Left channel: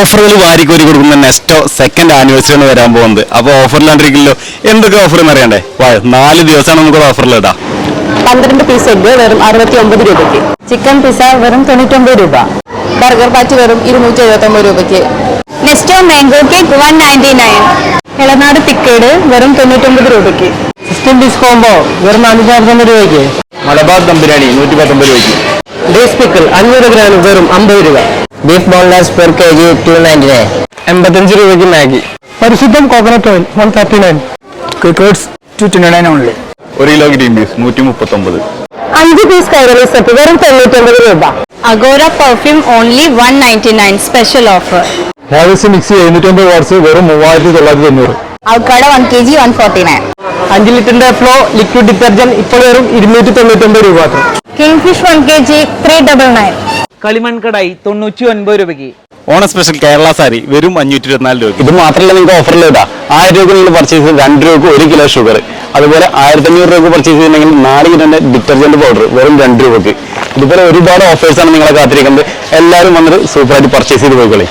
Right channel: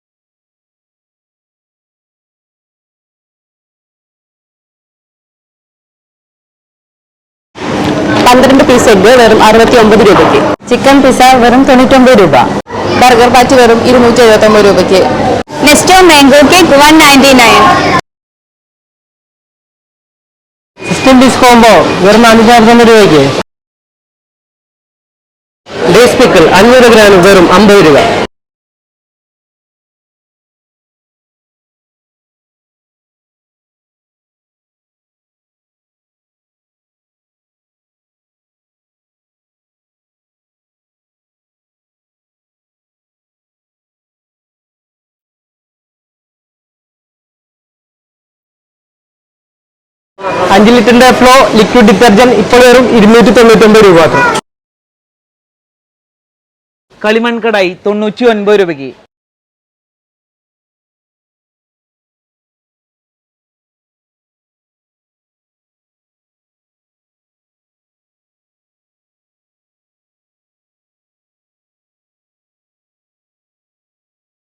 ഓഫറുകൾ വാരിക്കോരി കൊടുക്കുന്ന നെക്സ്റ്റോ സെക്കൻഡ് ആനിവേഴ്സറി ആണ് വരാൻ പോകുന്നത്. അപ്പോൾ ഓഫറിലാണ്ടിരിക്കില്ലോ എന്തൊക്കെ ഓഫർ എന്ന് അറിയണ്ടേ? വാ നാല് ദിവസമാണ് നമുക്ക് ഓഫറിൽ ഇടാം പന്ത്രണ്ട് പീസ് എഗ് വെറും അറുപത്തി ഒമ്പത് രൂപയ്ക്ക്. ചിക്കൻ പിസ വെറും തൊണ്ണൂറ്റൊമ്പത് രൂപ. ബർഗർ പാറ്റ് വെറും ഇരുന്നൂറ്റി എഴുപത്തി ഒമ്പത് രൂപയ്ക്ക്. Nesto mango cake one ninety nine Elanadu thick curd വെറും തൊണ്ണൂറ്റൊമ്പത് രൂപയ്ക്ക്. സിസ്റ്റം പീസ് കോംബോ വെറും നാനൂറ്റി നാൽപ്പത്തൊമ്പത് രൂപയ്ക്ക്. മലബാർ ദം ബിരിയാണി നൂറ്റി പത്തൊമ്പത് രൂപയ്ക്ക്. ഡേസ് പിക്കിൾ അഞ്ഞൂറ് ഗ്രാം വെറും അമ്പത് രൂപ. Beef boneless per K G two ninety nine എൺപത്തഞ്ച് രൂപയ്ക്ക് Maggi. Parisudham coconut oil one thirty nine crickets two twenty nine only ഒരു കിലോ ഗ്രീൻ പീസ് നൂറ്റി മുപ്പത്തൊമ്പത് അഞ്ച് പീസ് കൈരളി സെറ്റ് വെറും തൊണ്ണൂറ്റൊമ്പത് രൂപ. Agora perfume only one ninety nine special offer Havells mix എഴുന്നൂറ്റമ്പത് വാട്സ് വെറും മൂവായിരത്തി തൊള്ളായിരത്തി തൊണ്ണൂറ് avocado one K G one forty nine അഞ്ച് ലിറ്ററിന്റെ ഫ്ലോ ലിക്വിഡ് ഡിറ്റർജന്റ് ഇപ്പോൾ വെറും ഇരുന്നൂറ്റി തൊണ്ണൂറ്റൊമ്പത് രൂപ king fish one K G three double nine കളിമൺ കടായി തൊണ്ണൂറ്റി ഒൻപത് രൂപയ്ക്ക്. ഓണ സ്പെഷ്യൽ കേരള സാരി വെറും അഞ്ഞൂറ്റി ഇരുപത്തിനാല് രൂപ ഇത് മാത്രമല്ല നിങ്ങൾക്ക് ഓഫറിൽ ഇടാം. ആയിരം രൂപ നിങ്ങൾ പർച്ചേസ് ചെയ്ത് രണ്ട് രൂപക്ക് ഒരു കിലോ ഷുഗർ അതുപോലെ ആയിരത്തി അഞ്ഞൂറ് രൂപ പർച്ചേസ് ചെയ്തിട്ടുണ്ടെങ്കിൽ നാല് കിലോന്റെ ഡിറ്റർജന്റ് പൗഡർ വെറും രണ്ട് രൂപക്ക് ഇതുപോലെ ഒരുപാട് ഓഫേഴ്സാണ് നിങ്ങളെ കാത്തിരിക്കുന്നത്. എല്ലാവരും വന്നിട്ട് സൂപ്പറായിട്ട് പർച്ചേസ് ചെയ്ത് പോയിക്കോളി.